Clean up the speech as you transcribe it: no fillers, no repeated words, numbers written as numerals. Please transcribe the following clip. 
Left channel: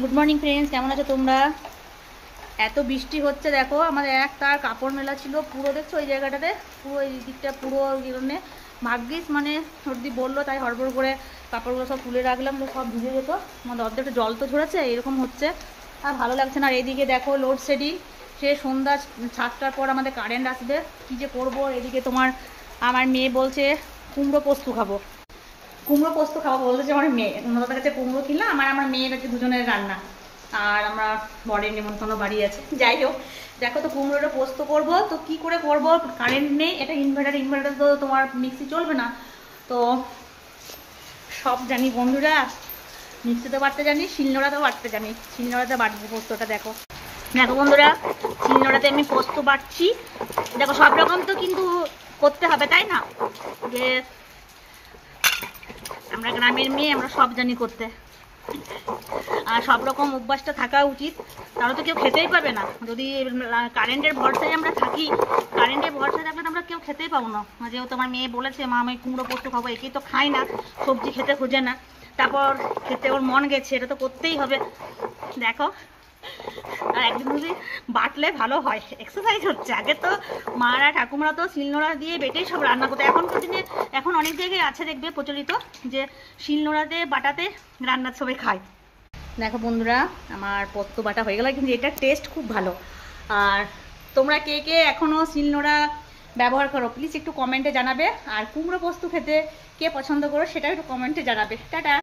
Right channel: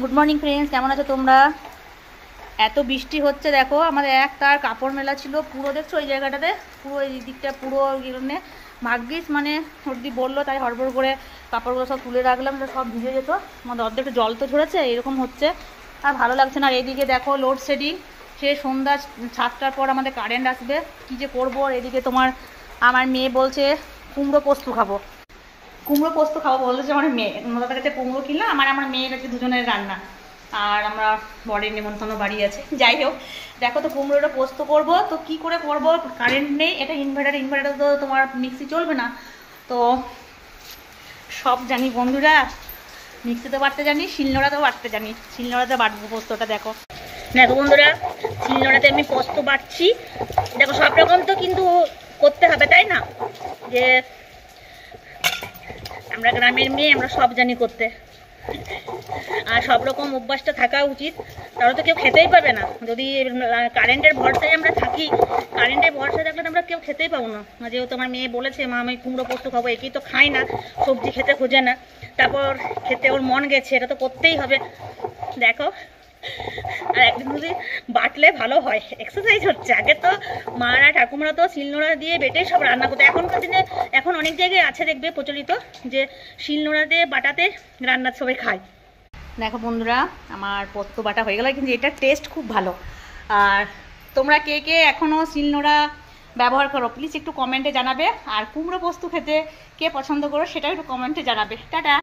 Good morning friends, কেমন আছো তোমরা? এত বৃষ্টি হচ্ছে দেখো, আমাদের এক তার কাপড় মেলা ছিল পুরো, দেখছো ওই জায়গাটাতে পুরো, এই দিকটা পুরো গেলে ভাগ্যিস মানে সর্দি বললো তাই হড়বড় করে কাপড়গুলো সব তুলে রাখলাম, সব ভিজে যেত। আমাদের অর্ধেকটা জল তো ঝরেছে, এরকম হচ্ছে আর ভালো লাগছে না। আর এইদিকে দেখো লোডশেডিং, সে সন্ধ্যা 7টার পর আমাদের কারেন্ট আসবে, কী যে করবো। এদিকে আমার মেয়ে বলছে কুমড়ো পোস্ত খাবো, কুমড়ো পোস্ত খাবো বলতেছে আমার মেয়ে। ওদের কাছে কুমড়ো কিনলাম, আমার মেয়ের কাছে দুজনের রান্না, আর আমরা বরের নিমন্ত্রণ বাড়ি আছে। যাই হোক, দেখো তো কুমড়োটা পোস্ত করবো, তো কি করে করবো, কারেন্ট নেই, এটা ইনভার্টার তো তোমার মিক্সি চলবে না। তো সব জানি বন্ধুরা, মিক্সিতে বাটতে জানি, শিলনোড়াতেও বাটতে জানি, শিলনোড়াতে বাটবো পোস্তটা। দেখো দেখো বন্ধুরা, শিলনোড়াতে আমি পোস্ত বাটছি। দেখো সব রকম তো কিন্তু করতে হবে, তাই না? যে আমরা গ্রামের মেয়ে, আমরা সব জানি করতে, আর সব রকম অভ্যাসটা থাকা উচিত। তাহলে তো কেউ খেতেই পাবে না। যদি কারেন্টের ভরসায় আমরা থাকি, কারেন্টের ভরসায় থাকলে তো আমরা কেউ খেতেই পাবো না। যেহেতু আমার মেয়ে বলেছে মা আমি কুমড়ো পোস্ত খাবো, একেই তো খাই না, সবজি খেতে খোঁজে না, তারপর খেতে ওর মন গেছে, এটা তো করতেই হবে। দেখো, আর একদিন যদি বাটলে ভালো হয়, এক্সারসাইজ হচ্ছে। আগে তো মারা ঠাকুমারা তো শিলনোড়া দিয়ে বেটেই সব রান্না করতো। এখনকার দিনে এখন অনেক জায়গায় আছে দেখবে প্রচলিত, যে শিলনোড়া দিয়ে বাটাতে রান্না সবাই খায়। দেখো বন্ধুরা, আমার পোস্ত বাটা হয়ে গেল, কিন্তু এটার টেস্ট খুব ভালো। আর তোমরা কে কে এখনও শিলনোড়া ব্যবহার করো প্লিজ একটু কমেন্টে জানাবে। আর কুমড়ো পোস্ত খেতে কে পছন্দ করো সেটাও একটু কমেন্টে জানাবে। টাটা।